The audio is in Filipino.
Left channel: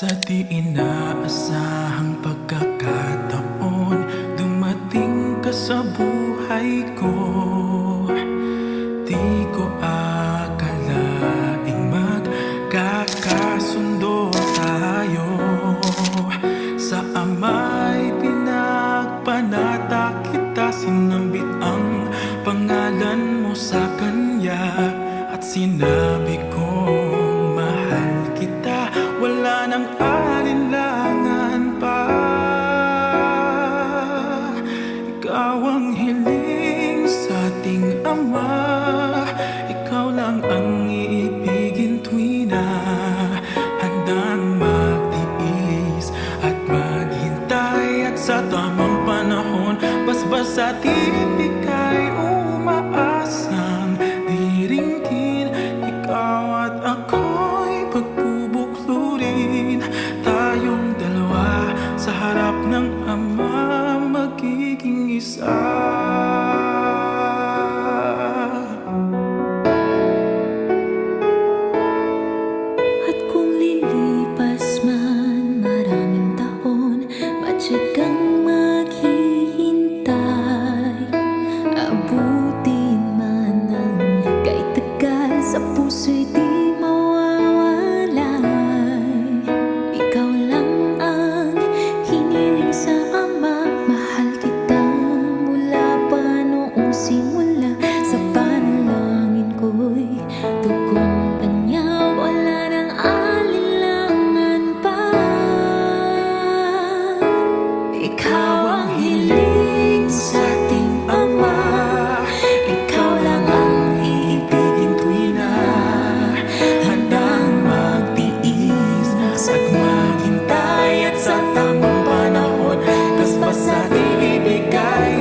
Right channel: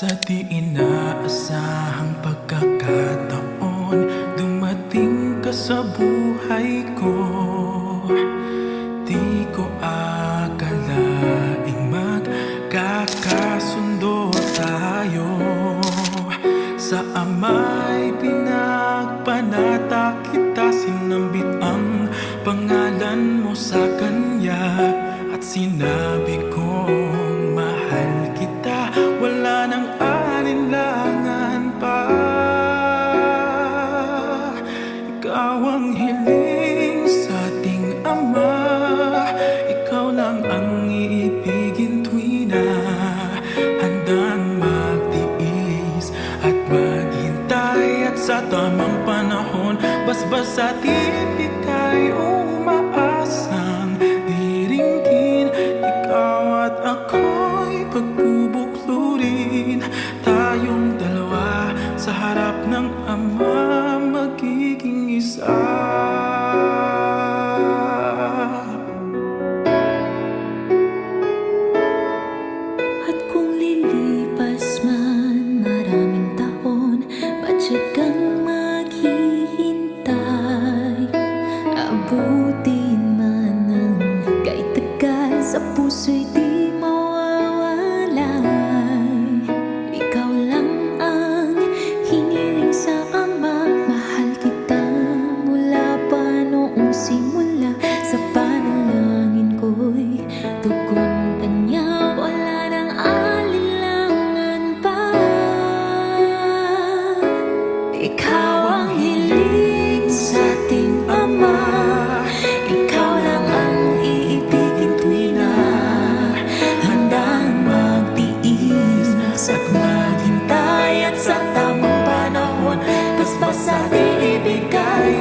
Sa di inaasahang pagkakataon, dumating ka sa buhay ko. Di ko akalaing magkakasundo tayo. Sa ama'y pinagpanata kita, sinambit ang pangalan mo sa kanya. At sinabi kong mahal kita, wala nang alinlangan pa. Ikaw ang hiling sa ating Ama, ikaw lang ang iibigin tuwi na handang magtiis at maghintay. At sa tamang panahon, basbas at ibigay, umaasang diringgin. Ikaw at ako'y pagbubuklurin, tayong dalawa sa harap ng Ama, magiging isa. At kung lilipas man maraming taon, patyagang maghihintay. Abutin man ng kahit tagal, sa puso'y di mawawalay. Ikaw lang ang hiniling sa Ama, mahal kita mula pa noong simula. Sa panalangin ko'y tugon kanya, wala nang alinlangan pa. Ikaw ang hiling sa ating Ama, ikaw lang ang iibigin tuwi na handang magtiis at maghintay. At sa tamang panahon, basbas at ibigay,